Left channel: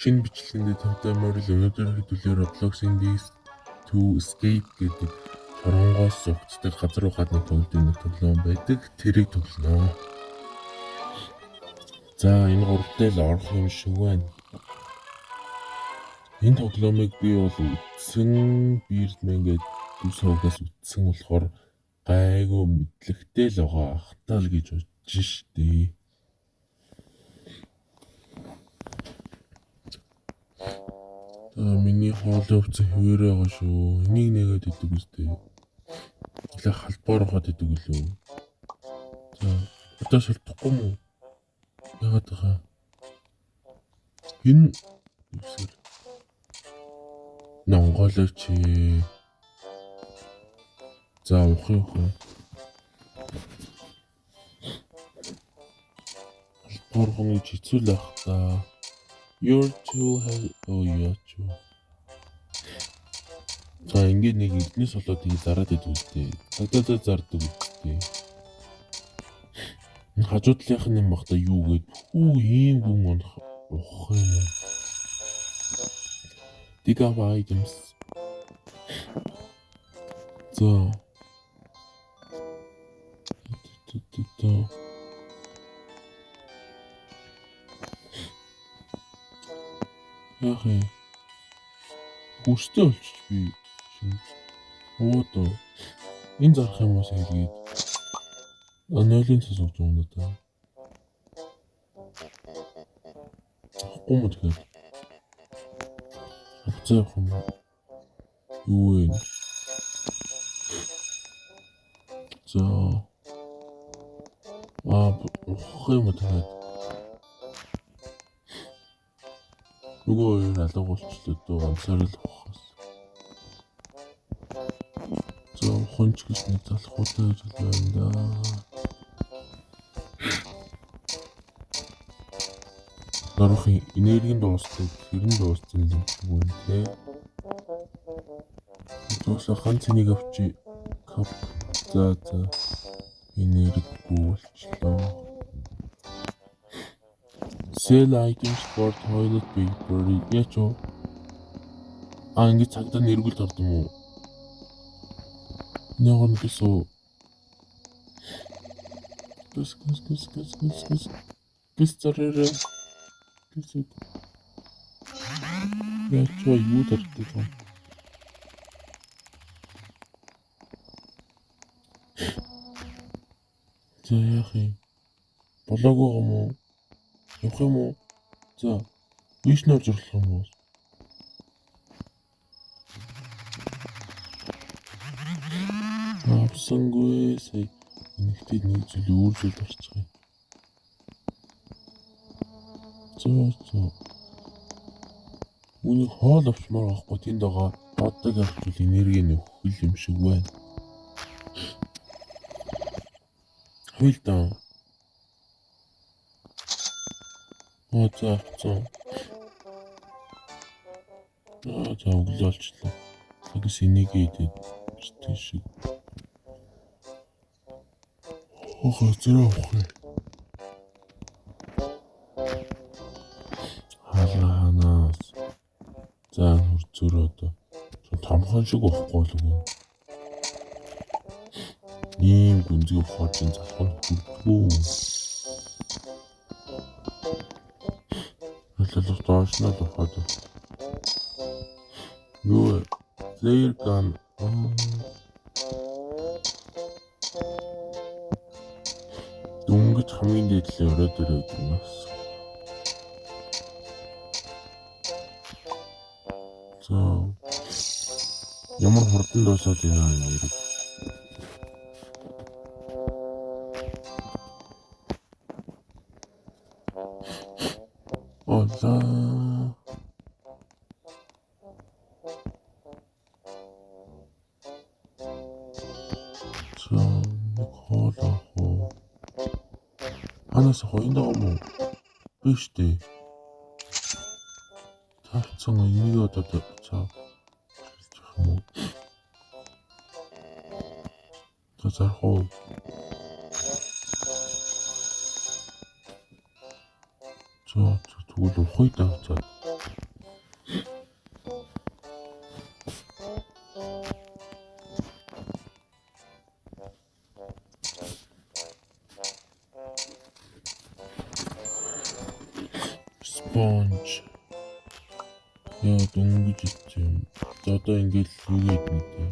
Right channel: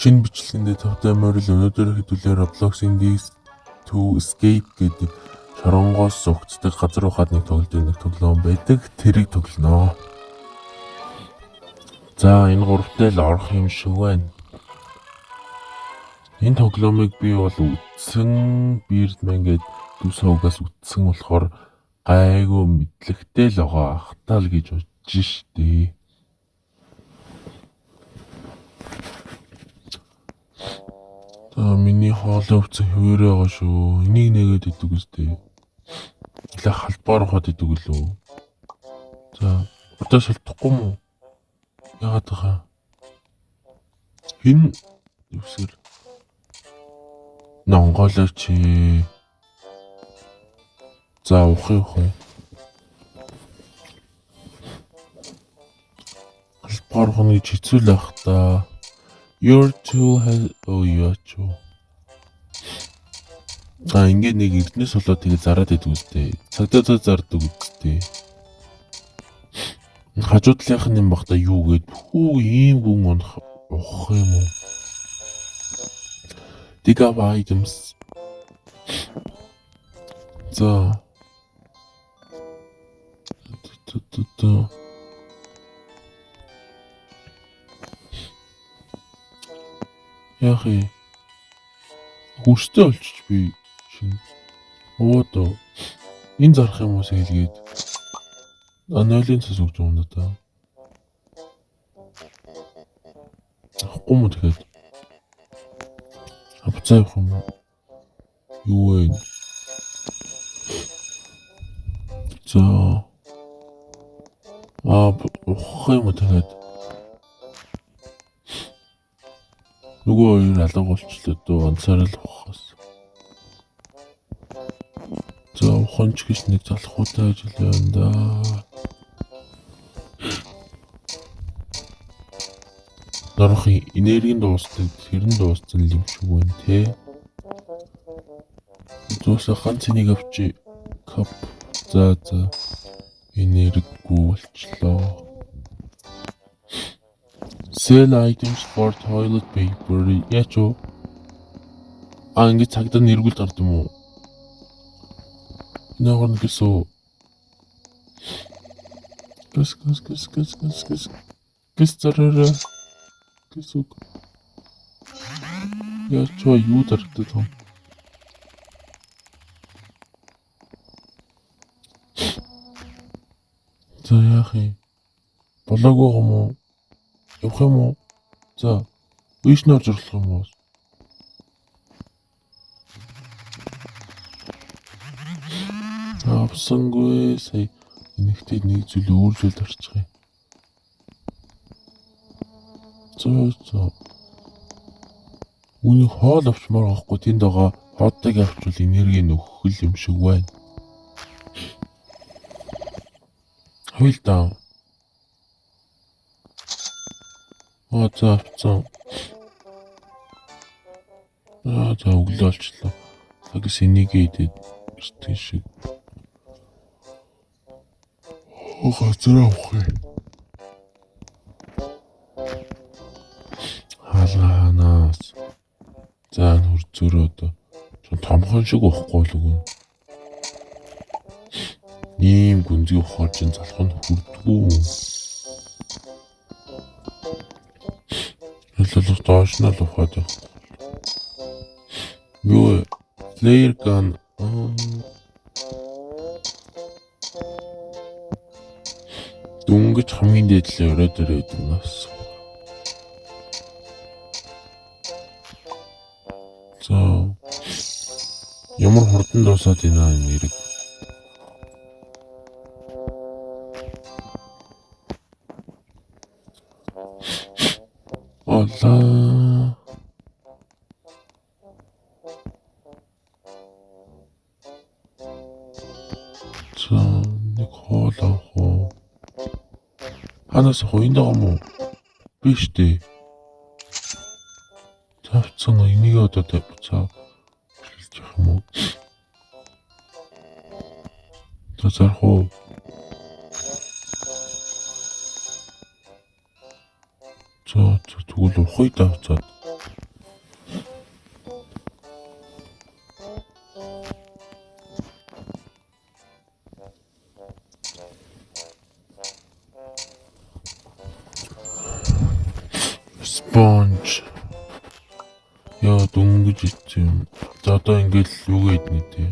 Шинэ бичлэгэндээ тавтай морил өнөөдөр хэдүүлээ Roblox-ийн Geeks to Escape гэдэг шоронгоос зогцдог газар руу гадныг тоглодог нэг тоглоом байдаг. Тэрийг тоглоно. За энэ гуравтай л орох юм шиг байна. Энэ тоглоомыг би бол үтсэн Birdman гэдэг төв сувгаас үтсэн болохоор гайгүй мэдлэгтэй л байгаа ахтаа л гэж бодож штий. Миний хоолой өвцө хөвөрөө байгаа шүү. Энийг нэгээд идэг үстэй. Илээ халбаар ухаад идэг үлээ. За, өдөө шилдэхгүй мүү? Яагаад байгаа? Хин үсэр. Нонголооч. За, ухаа. Халбаар ухах гэж хэцүү л ах та. Your tool has яачуу. Ингээд нэг эрдэнэс болоод тэгээ зараад идэв үстэй. Цагдаа зардаг үстэй. Хажуу талынх нь юм бах та юу гээд ийм гүн унах ухах юм уу? Dig up items. За. Яхи. Хүстэй олчих би шинэ. Оо. Энэ зарах юм уу сэлгээд. Нойлын цэс өгч юм да. Ахгүй мө тэгээд. Авцаа явах юм уу? Юу вэ? За. Ухах юм уу тэгээд. Нөгөө хоёр алга болчлоо дөө ансаар л ухаас. За уханч гэж нэг залхуутай ажиллана да. Норхын энергийн дуустал хэрэн дуустал юм шиг байна те. Зөөсө ганц энийг авчи кап. За энергигүй болчлоо. Sell items for toilet paper. Яачуу? Ингээд цагдаа нэргүүлд орд юм уу? Ногоон гэсөө. Гэс зараараа. Гэсүү. Яачуу юу дартдаг юм? За яах юм? Болоогүй юм уу? Явах юм уу? За. Вишнээр зорлох юм уу? Авсангүй сая энэгтэй нэг зүйл өөр зүйл орчих юм. За. Үний хоол авчмаар авахгүй тэнд байгаа боддог авчвал энерги нөхөх юм шиг байна. Хуйлдаа. За. За өглөө олчлоо. Тэгээс энийг идээд ирсэн шиг. Газар авах юм. Халаанаас. За нүр зөрөөд. Томхон шиг уухгүй л үгүй. Ийм гүнзгий ухаж залхах нь хүрдгүү. Хэлэлх доош нь л ухаад байна. Юу flare gun. Дүнгэж хамгийн дээдлээ өрөөд ирээд нас. За. Ямар хурдан дуусаад байна нэрийг. Олаа. За, нэг хоол авах уу? Ханаас хойнд байгаа юм уу? Биш дээ. Тавцсан энийг одоо тавцаа. Шилжих юм уу? Зарах уу? За тэгвэл ухыг тавцаад. Launch. Яа дөнгөж ицсэн. За одоо ингээл юугаа иднэ тий.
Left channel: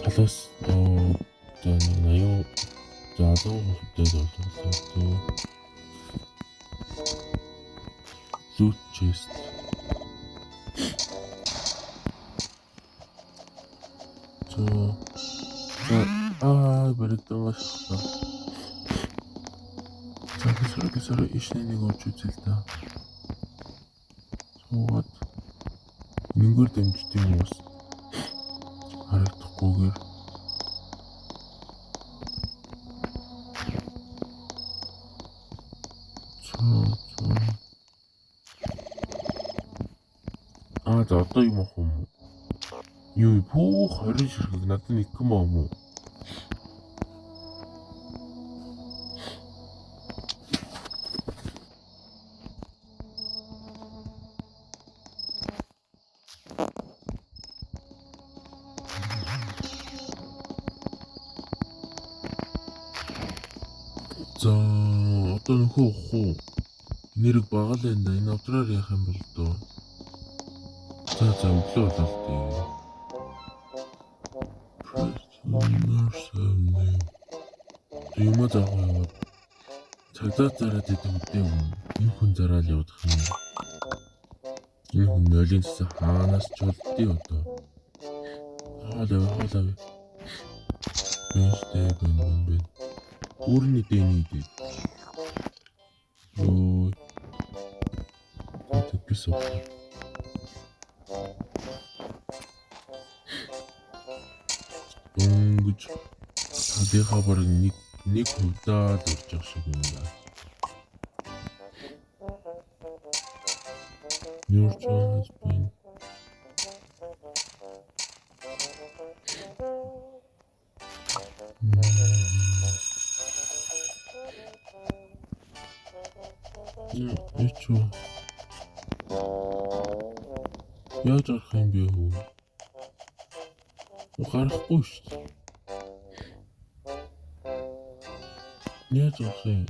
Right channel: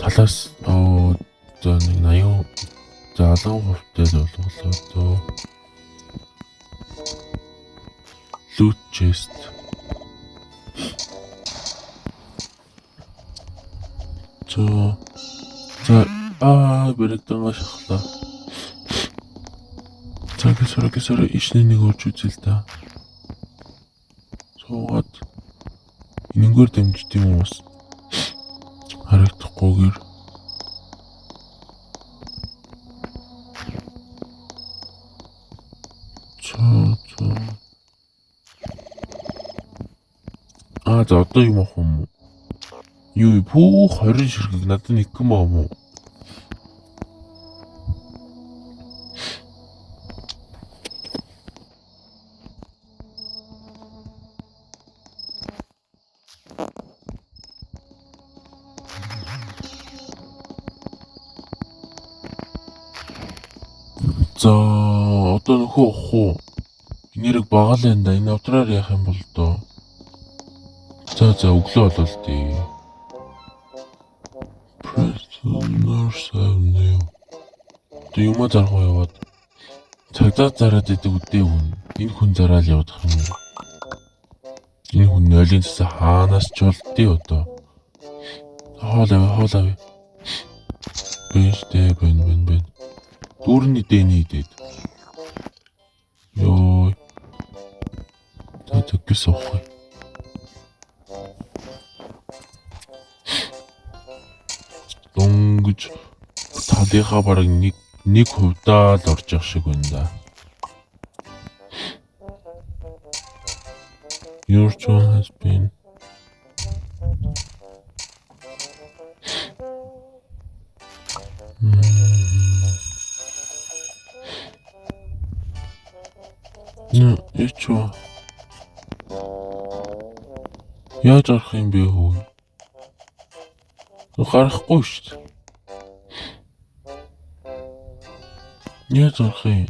Талаас за 80 за 10% болголоо. Loot chest. Бэрэгдэн ашиглаа. Сорок ишний нэг орж үзэл та. Суугаад энэнгээр дамжд юм уус. Харагдахгүйгээр. За одоо юм ах юм. Юу бүх 20 ширхэг надад нэг юм аа мó. За одоо нөхөө ахгүй. Нэрэг багал энэ да. Энэ авдраар яах юм бол доо. За өглөө болол тээ. Prisoners авнаа. Тэ юм заргаа яваад. Цагдаа зараад идэг үдээ хүн. Энэ хүн зараал явах юм. Энэ хүн нойлын цэсэ хаанаас ч болдгийг одоо. Хоол авъя. Бэнтэй бэн. Дүүрний дэний идэд. Йоо. Тэтгэс ахгүй. Дөнгөж талынхаа бараг нэг хувьдаа л орж явах шиг байна да. Your drone has been Ичо. Яаж арах юм бэ хөө? Гарахгүй шүү дээ. Яаж арах юм?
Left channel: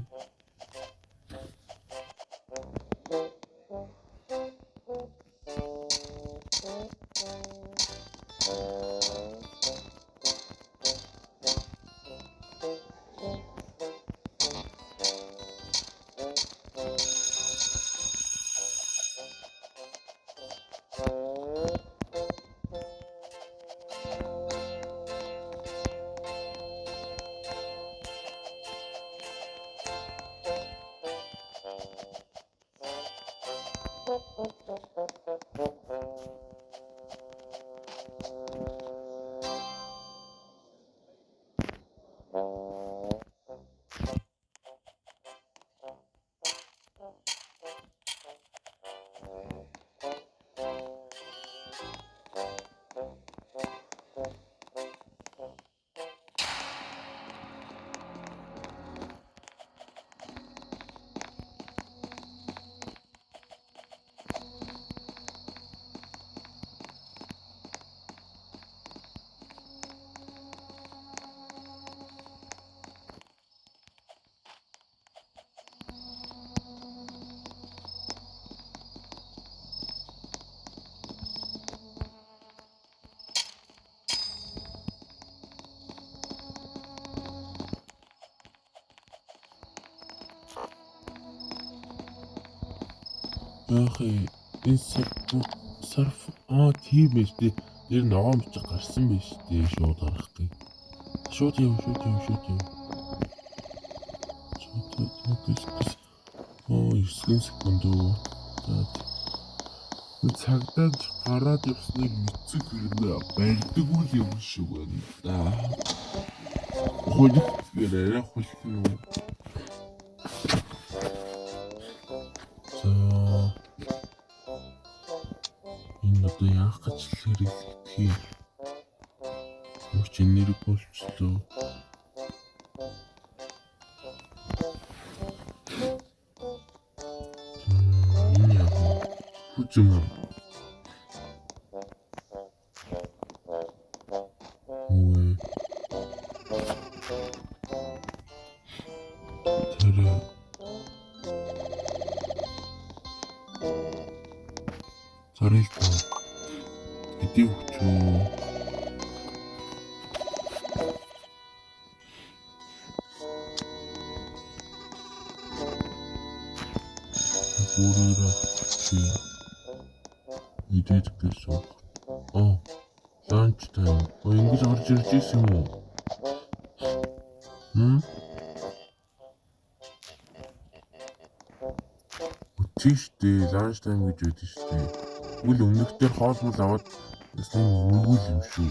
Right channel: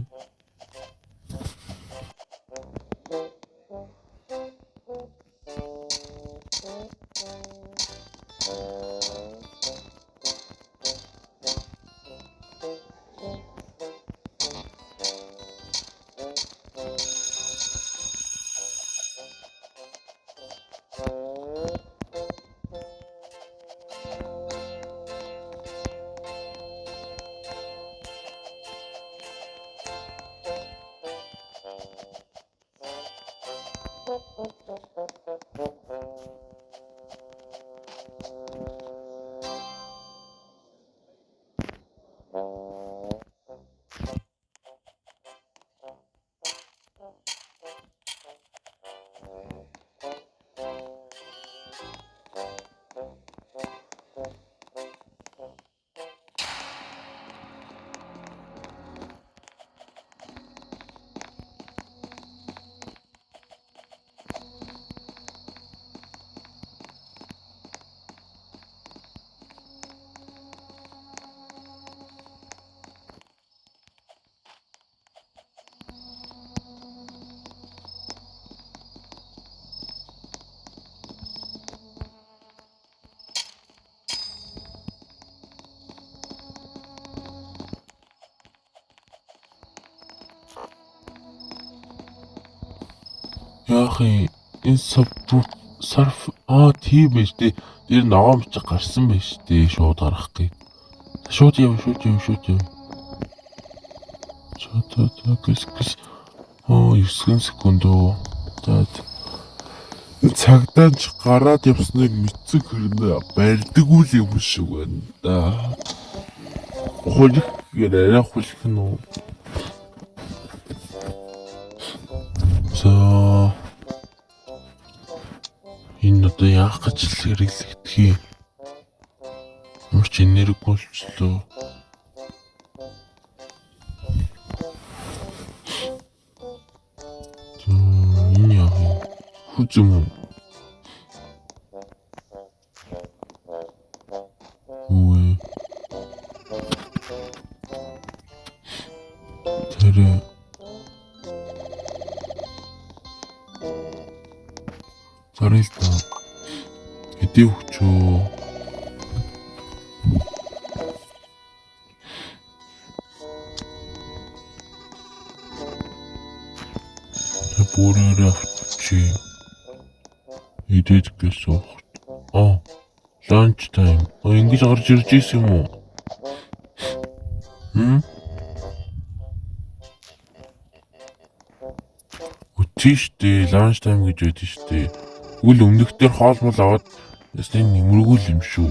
Яах юм? Энэ сарф тийм байж тээ. Тэр ногоон бичих гарсан байж тээ. Шууд гарах гээ. Шууд яв. Гэс. 9 секунд оо. За. Цагдаач гараад явсныг мэдсэн хэрнээ барьдаггүй л юм шиг байна да. Хөлөг гэрээ хөлөх нь үү? За. Энэ одоо яах гэж хэрэглэгдэх юм? Ямар ч энерги болчлоо. Энэ яах вэ? Хүзэн. Үй. Тэр Гарилта. Хэдий хүчөө. Бүрээр авчи. Идээд гэсэн. Lunch time. Ингэж гарч ирж ийсэн юм уу? Тийштэй lunch time гэж байдаг штэ. Үл өмнөх дээр хоол мол аваад ястаа нэмэргүй юм шүү.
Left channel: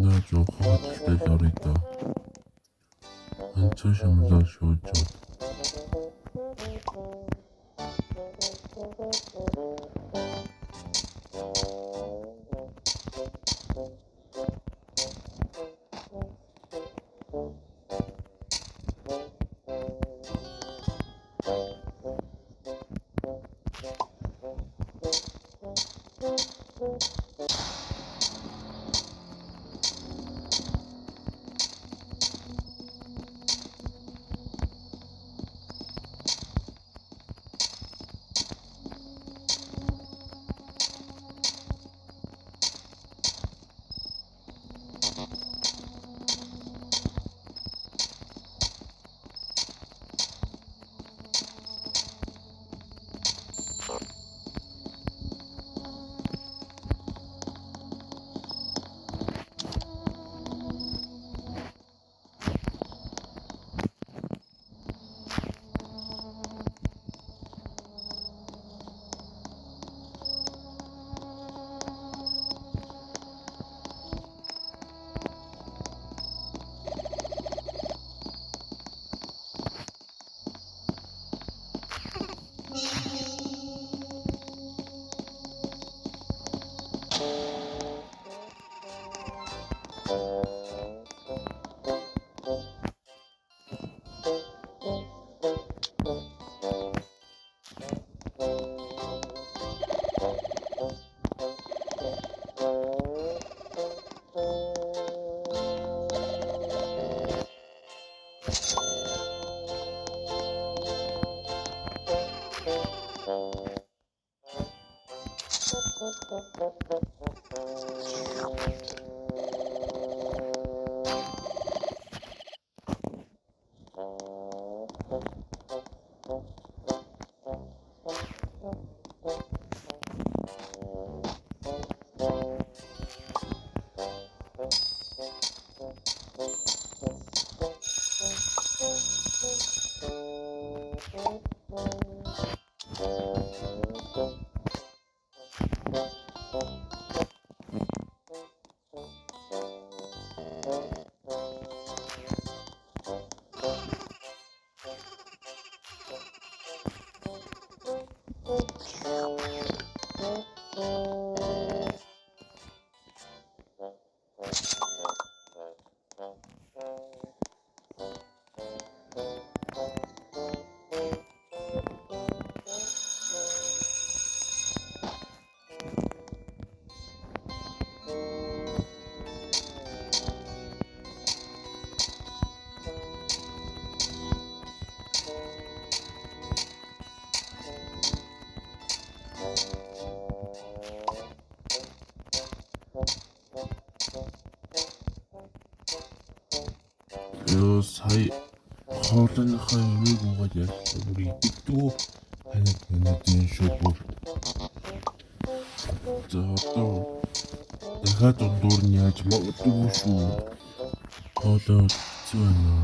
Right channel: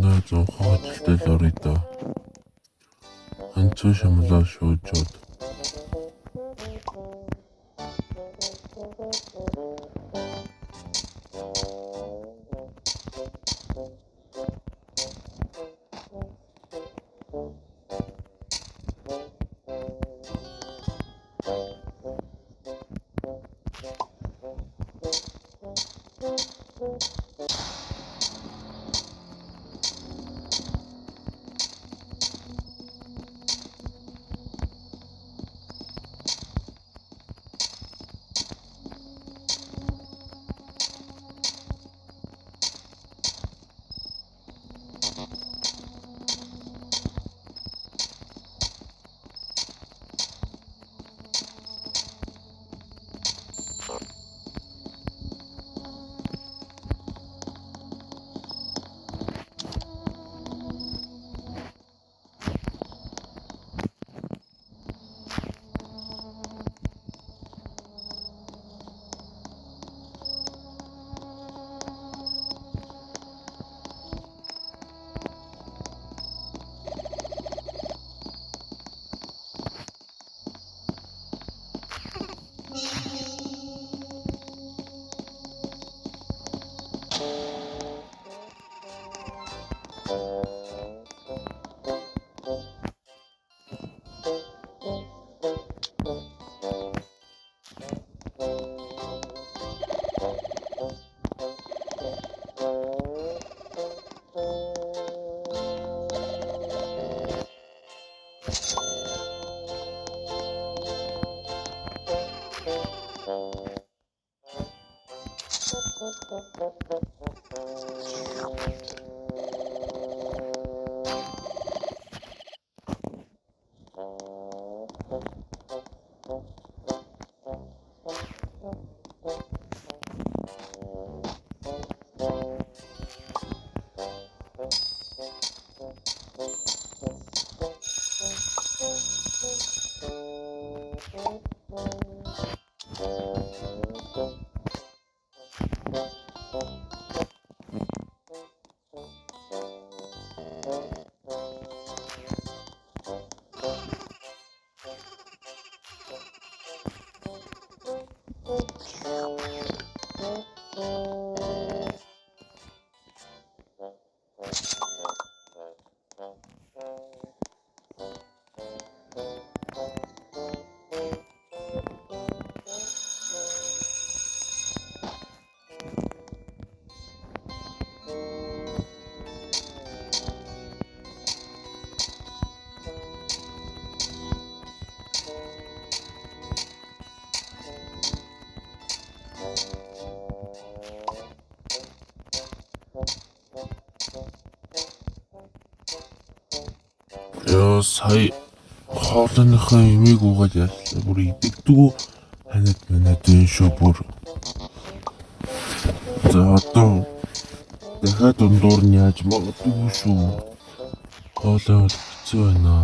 Наач хаадлаа лоридо. Анцуу шамлаа шуужууд. Яа сая хоолныхаа имийг угаад яачлаа бүр идэгдэггүй ханад манад энэ шүү бүр. За одоо дахиад дундуур нь яаж магадгүй шүү. Хоолой хэцүү байна.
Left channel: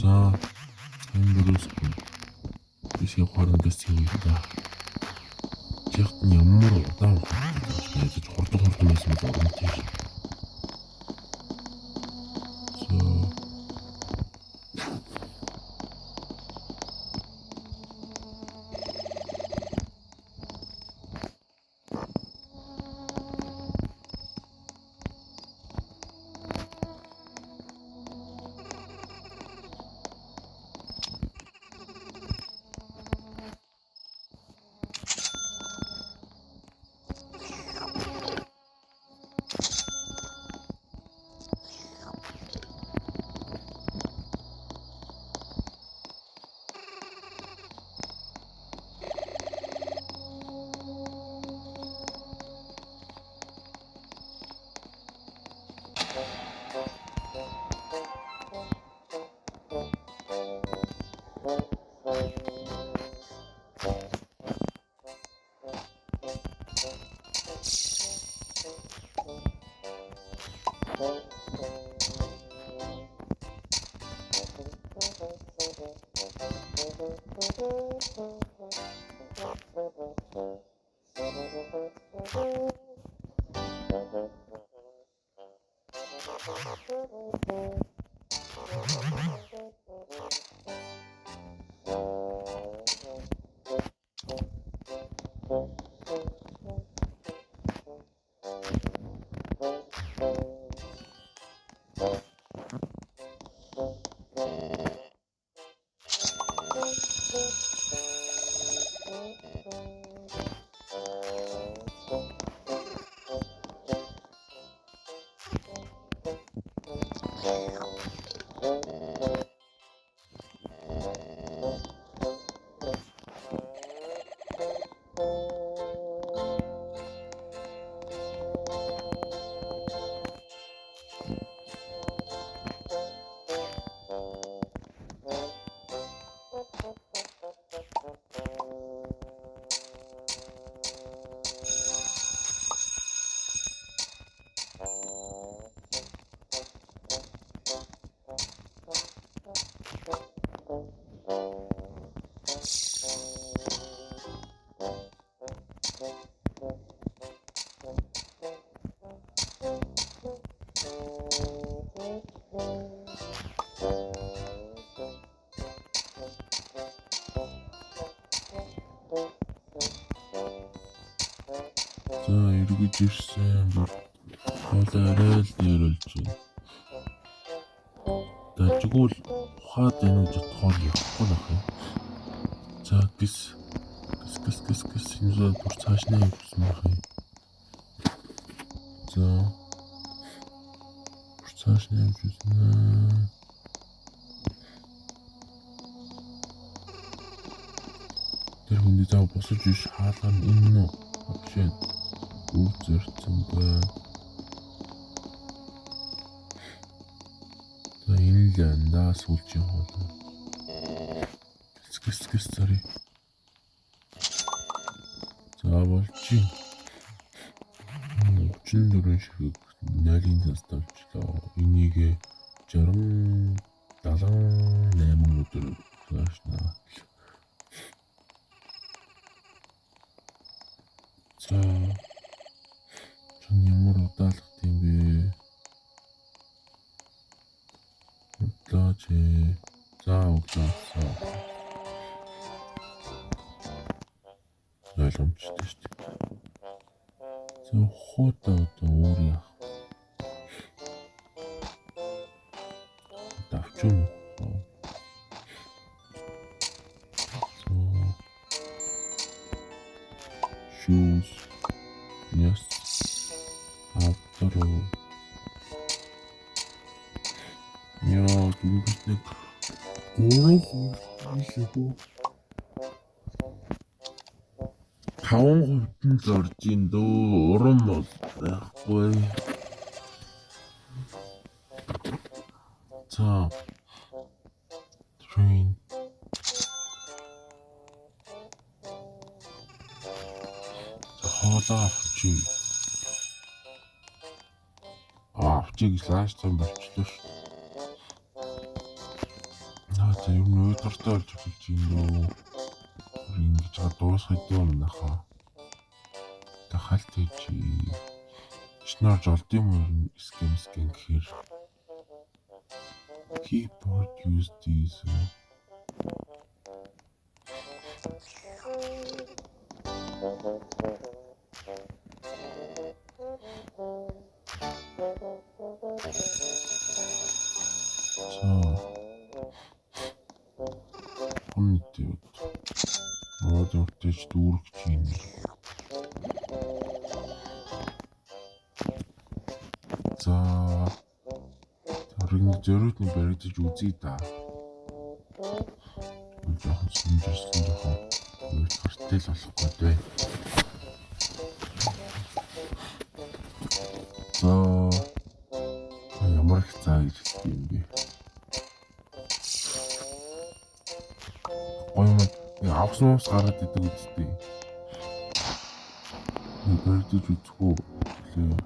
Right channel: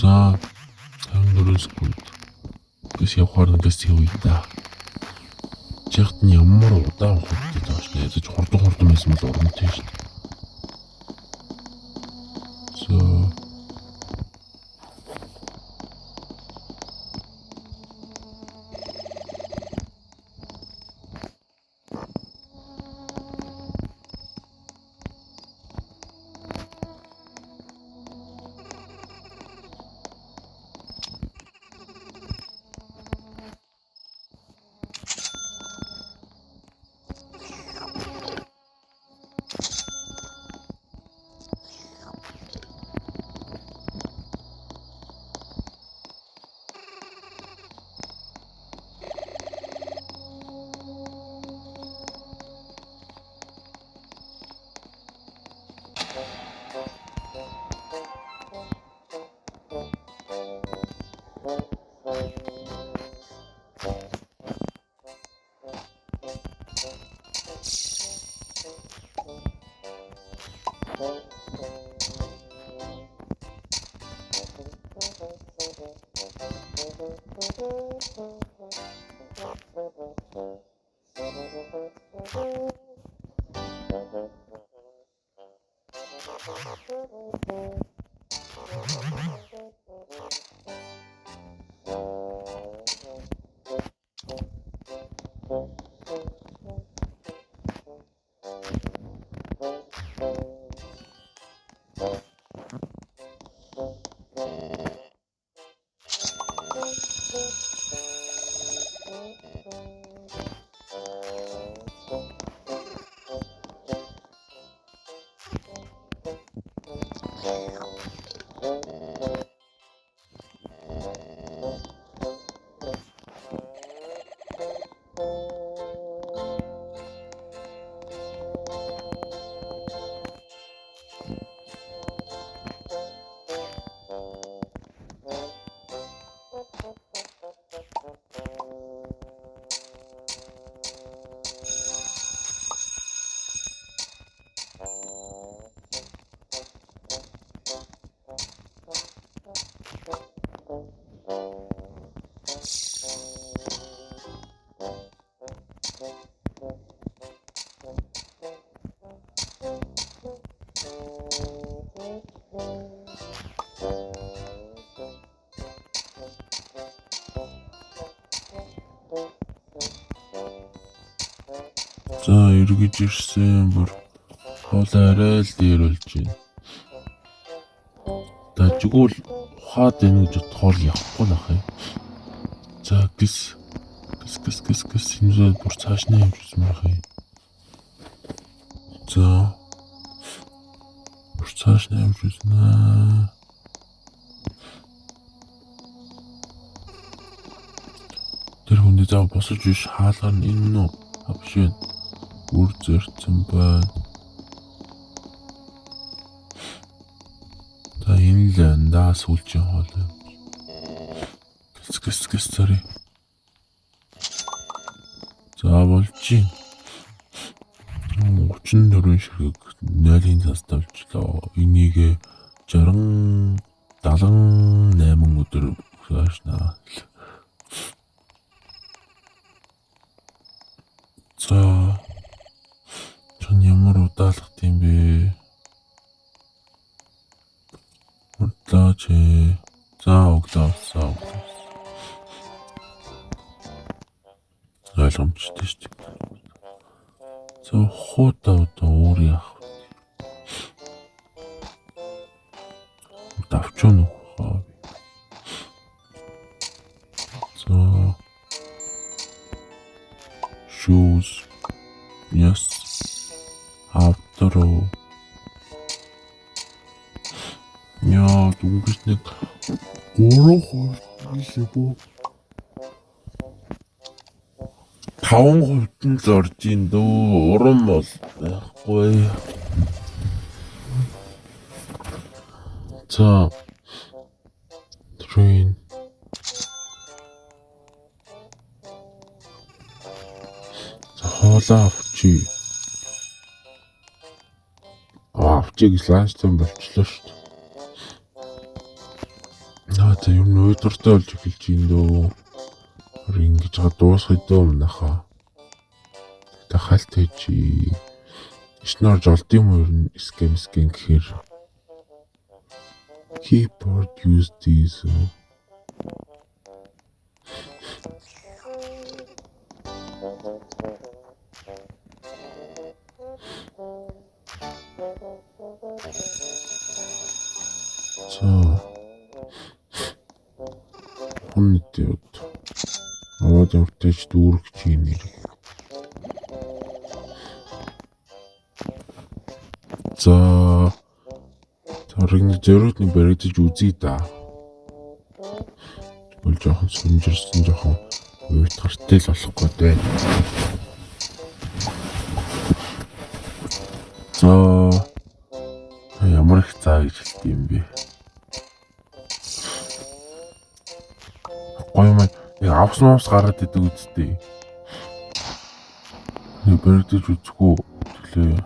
За хамбургсгүй. Тэс явахаар нэс хийвээ да. Чихт нь ямар удаан хугацаанд тааш гэж хурдан байсан л оромтой шээ. За эргэж ирсэн бол арай л дээр болж байна. Дажгүй л ухаад байна гэж бодохоор явахгүй нах юм. За гис энэ бүр цааш нь явчихсан байх юм. За бүр цааш нь явчихсан аа. Тэр хүндээ зав босож биш хаалгаар нь энэ нөө авшин үр зэрцэн байна. За энэ л андаа сүүлчийн хоол. Гис царай. За болж 34 ширхэг 0-ын цас тавьчлаа. Энийг 60 78 өдөр хаашнаа. За ямар удаалах юм бэ? Удааж за өглөөсөө ойлгомжтой шүү дээ. За хуудаа уур яах вэ? Давчон уу? За shoes yes after яа дүнгийн нэг өөрөө хийлээ. 5% нь зорж ин дөө уран бол байхгүй. За train хоолоо авчи. Авчиг ланчтай болчихлоо шүү дээ. Наа за юм өдөртөө олж эхэлж ин дөө. Ингэж дуусах дөө наха. Тахалтай чи. Ишнэр жолд юм уу скем гэхээр. Keyboard use these. Хүндэд аваад явтаж дүүргэж юм. За таригны зөрүүтний баригдаж үзье да. Бол жоохон сүмжирсэн жоохон үйт гартай л болохгүй байна. За ямар их цаа гэж хэлдэг юм бэ? Гоё юм. Авсан гараад идэг үстэй. Баригдаж үзэхгүй лээ.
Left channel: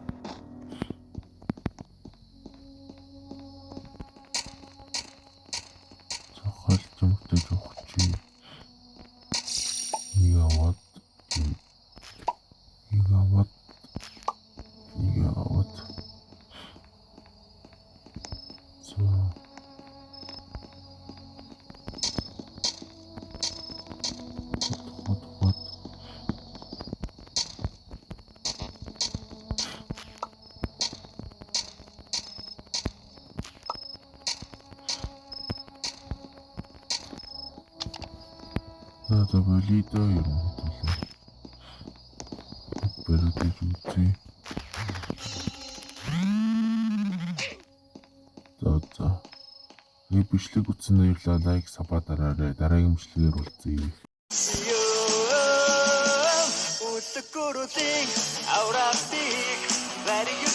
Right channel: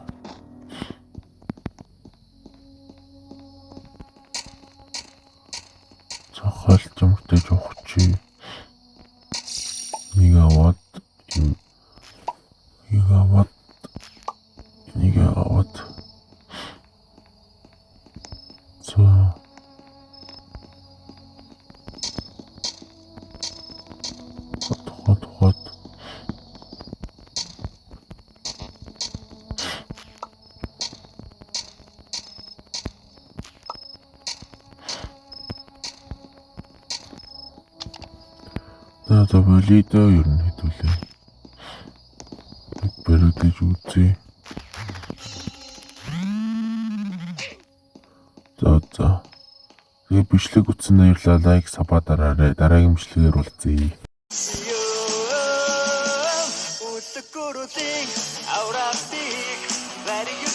За болидоо ер нь хэдүүлээ. Бараг гэж үзье. За. Тэгээ бичлэг үзсэн баярлалаа. Лайк, саба дараарай. Дараагийн бичлэгээр уулзъя. Out of speak, letting you